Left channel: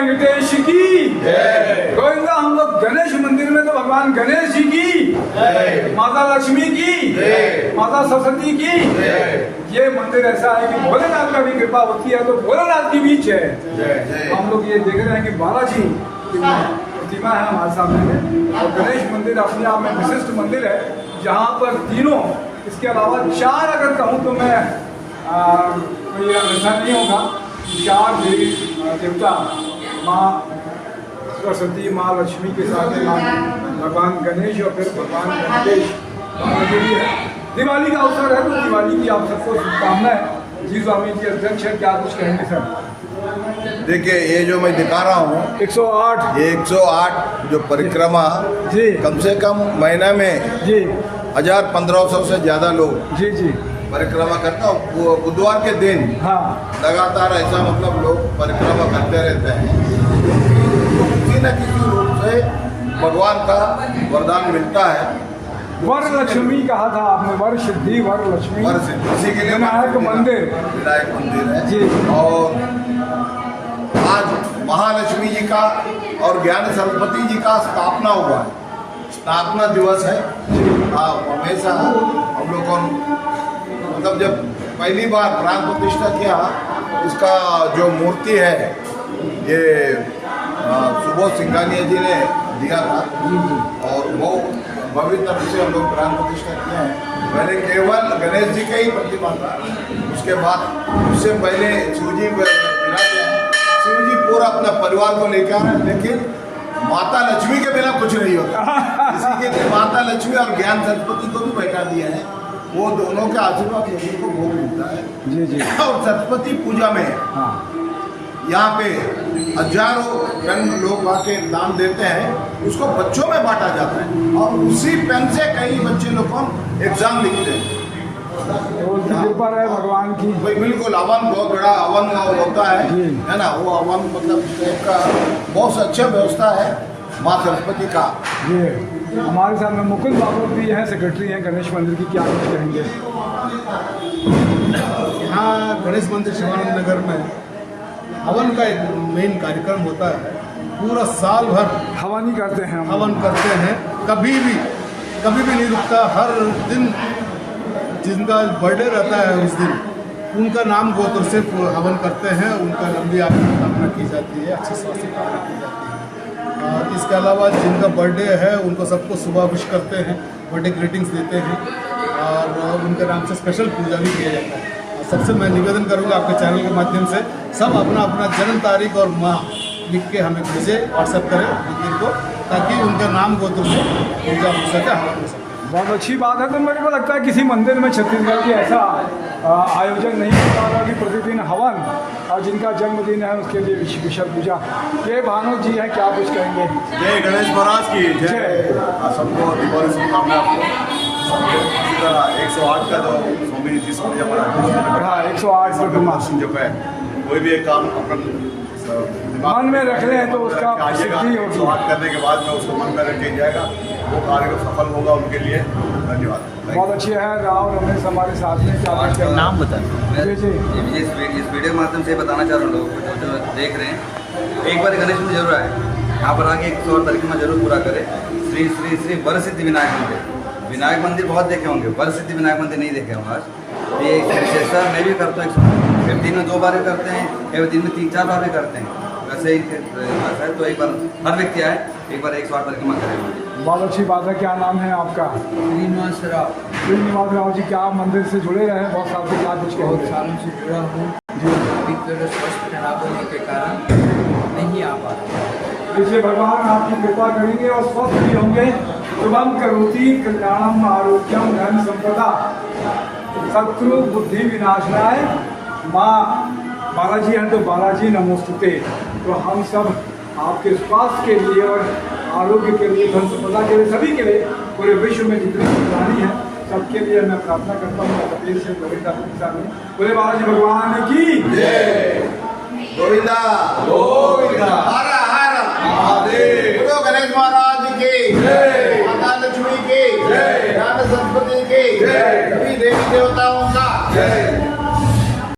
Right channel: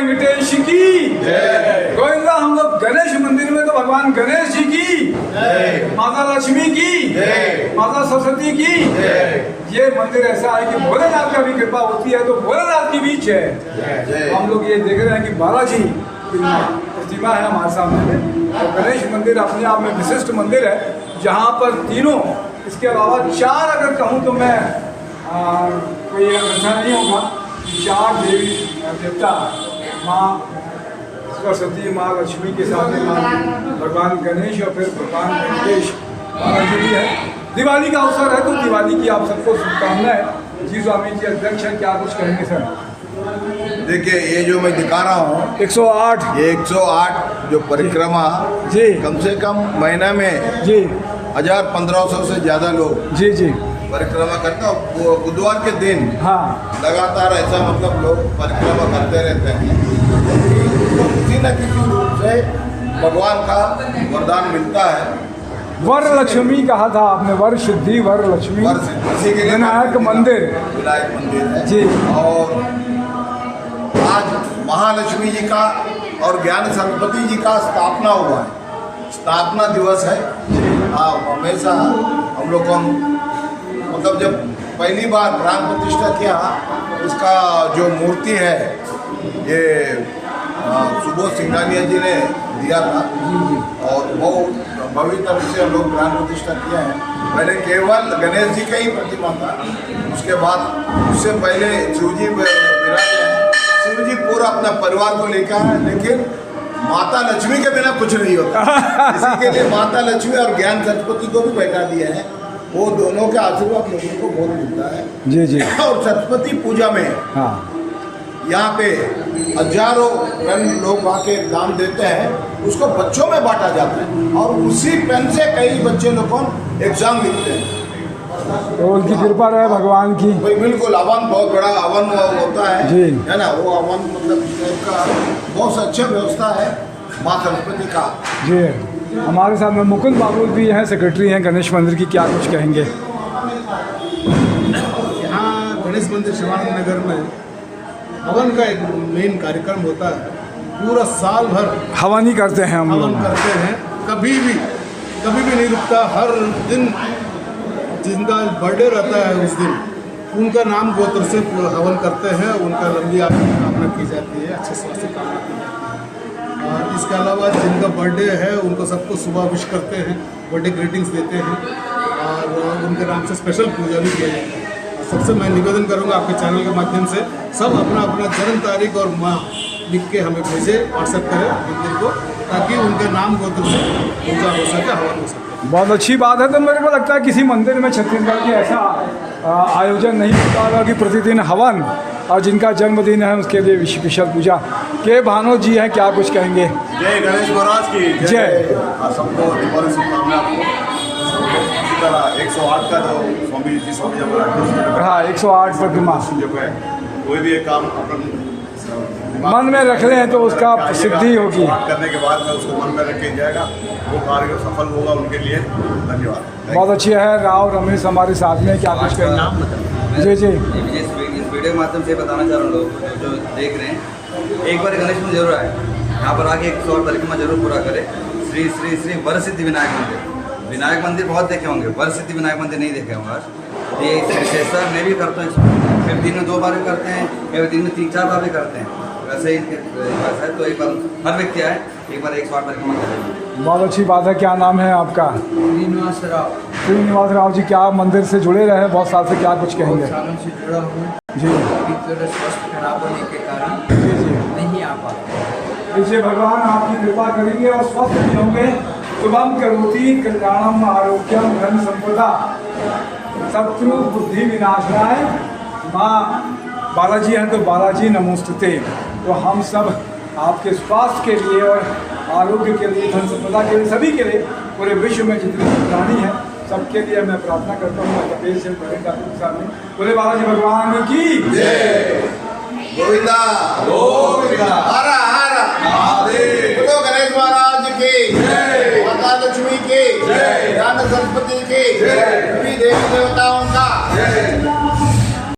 वेंकटेश की जय। गोविंदा। हम लोग गणेश मंदिर में तो भगवान गणेश जी की जय, माता लक्ष्मी की जय, माता सरस्वती की जय। ये मंदिर ऐसा है कि भोलेनाथ का भी कृपा होती है तो भोलेनाथ की भी जय। हम लोग ये देख रहे हैं कि बालाजी की प्रतिमा है हमारे सामने और गणेश मंदिर अपने आप में विशिष्ट मंदिर है जहाँ पर तीनों, इसके अलावा चार अगर कहूँ तो मैं कोई ऐसा नहीं होगा, चार देवी देवता, माँ सरस्वती, माँ लक्ष्मी के साथ में भगवान गणेश और फिर भगवान वेंकटेश बालाजी भी है। दिवाली का अवसर है तो दिवाली की आप सबको शुभकामनाएं। जी स्वामी जी अध्यक्ष हैं, क्या कुछ कहेंगे सर? देखिए ये जो मैं दिखा रहा हूँ 108, ये 108 जो परिक्रमा जी कम से कम महीना में जी 1000-1500 से ज़्यादा लोग जी जी परिक्रमा करते हैं। वो बुधवार के दिन हाँ लगातार ऐसा मतलब लोग परिक्रमा करते रहते हैं तो किसी न किसी रूप से भगवान का वरदान मिलता है। वर लक्ष्मी कहा था आपने, वर सिद्धि वर लक्ष्मी, वर सिद्धि, इसी के लिए विनायक मंदिर, विनायक मंदिर है जी। और आज महालक्ष्मी जी का और ज्ञान सरस्वती जी का स्थापना हुआ है, स्थापना दिवस है। हमेशा हम लोग को मतलब जब पहली बार प्राण प्रतिष्ठा किया, इसका जो मूर्ति है ये सुबोध सिंघानिया जी ने दिया था और वो भव्य तरह से हम लोग प्राण प्रतिष्ठा किए हैं। पहले केवल गणेश जी का ही प्रतिमा था, उसके बाद उससे पहले शिवजी विराजे हैं। शिवजी पूरा अपना परिवार को लेकर आए, लेकिन माता लक्ष्मी के बिना कुछ नहीं होता। इसी के लिए माता लक्ष्मी और ज्ञान सरस्वती को भी बैठा दिया है। वो दोनों के आशीर्वाद लोगों को बहुत मिलता है जी जी। और सरस्वती पूजा में हाँ यहाँ पे हजारों पेन लोग आके दान देते हैं, उसको बच्चों में बांटा जाता है और उसी पेन से कई बच्चे लोग एग्जाम लिखते हैं। तो उनकी कृपा रहे भगवान की। भाई बिल्कुल, हवन बहुत बड़ा हवन होता है ना, वो हवन मतलब का बहुत अच्छा व्यवस्था है माँ सरस्वती का। जी हमारे सामने मुकुंद बाबू भी हैं, सेक्रेटरी हैं गणेश मंदिर की, क्या कुछ कहेंगे? यहाँ गणेश मंदिर शिवानंद नगर में हवन का एक मेन कार्यक्रम होता है। पूरा साल भर हवन ही करते हैं हम, हवन करते हैं, कभी भी नहीं रुकता। हर दिन जिनका बर्थडे रहता है उस दिन उनका नाम गोत्र से हवन करते हैं, उनका लंबी आयु की कामना की जाती है, अच्छे स्वास्थ्य की कामना की जाती है। और इसके अलावा जिनका बर्थडे है उनको सबको सुबह विश करते हैं, बर्थडे ग्रीटिंग्स देते हैं और उनके नाम से स्पेशल पूजा भी किया जाता है। और सबसे मैं निवेदन करूँगा आपके चैनल के माध्यम से, सब अपना अपना जन्म तारीख और माह लिख के हमें भेजे, व्हाट्सएप करें मंदिर को, ताकि उनके नाम गोत्र से पूजा हो सके, हवन हो सके। बहुत अच्छी बात है। तो मेरे को लगता है किसी मंदिर में छत्तीसगढ़ की ऐसा आयोजन नहीं होता होगा कि प्रतिदिन हवन और जिनका जन्मदिन है उसके लिए विशेष पूजा। के भानो जी हैं, क्या कुछ कहेंगे? जय गणेश महाराज की जय। सबको दीपावली शुभकामनाएं। आपको इसी तरह 108 का जो स्वामी जी स्वामी हमारा हाँ 108 प्रतिमा जो है, कोई भी एक काम अपन मन में रख लें तो उसका सिद्धि होगी। 108 करने के बाद में उसको मन में रखे जाएगा, वो कार्य सफल होगा उनके लिए। धन्यवाद। बहुत अच्छी है। राव रमेश हमारे साथ में, क्या कुछ कहेंगे? नाम बताएं। जी जी। इस वीडियो के माध्यम से बताना चाह रहा हूँ लोगों को जो देख रहे हैं, एक बार गणेश मंदिर जरूर आए, यहाँ पर आके 108 परिक्रमा जरूर पूरा करें। श्री श्री श्री वर सिद्धि विनायक मंदिर। विनायक मंदिर बहुत देखे होंगे, वर सिद्धि विनायक मंदिर नहीं देखे होंगे आज। ये विशेषता मैं भी करता हूँ, फिर दिन में 2 बार भी करते हैं या दिन में 3-4 बार भी करते हैं। वैसे ही है तो एक बार हर व्यक्ति आए, एक बार 108 परिक्रमा करेंगे। बहुत अच्छी बात है। क्या नाम है आपका? श्रीनिवास राव। श्रीनिवास राव जी, क्या मंदिर से जुड़े रहे बहुत साल से, क्या कुछ कहेंगे? सालों से जुड़ा हूँ जी। स्वस्थ खराब होने के कारण नहीं आ पाता। देखिए भगवान आपकी कृपा करेंगे और स्वस्थ भी होंगे। शुभम करोति कल्याणम आरोग्यम धन संपदा शत्रु बुद्धि विनाशनाय। माँ बालाजी हैं तो बालाजी नमोस्तुते। तो हम सब आपके स्वास्थ्य के लिए और आरोग्य के लिए, धन संपदा के लिए, सभी के लिए, पूरे विश्व में जितनी प्राणी है सबके लिए मैं प्रार्थना करता हूँ। कबीर से बड़ेगा बोले बालाजी भगवान की जय। गोविंदा गोविंदा हर हर महादेव। बोलो गणेश महाराज की जय, माता लक्ष्मी की जय, ज्ञान सरस्वती की जय, सभी देवी देवताओं का जय।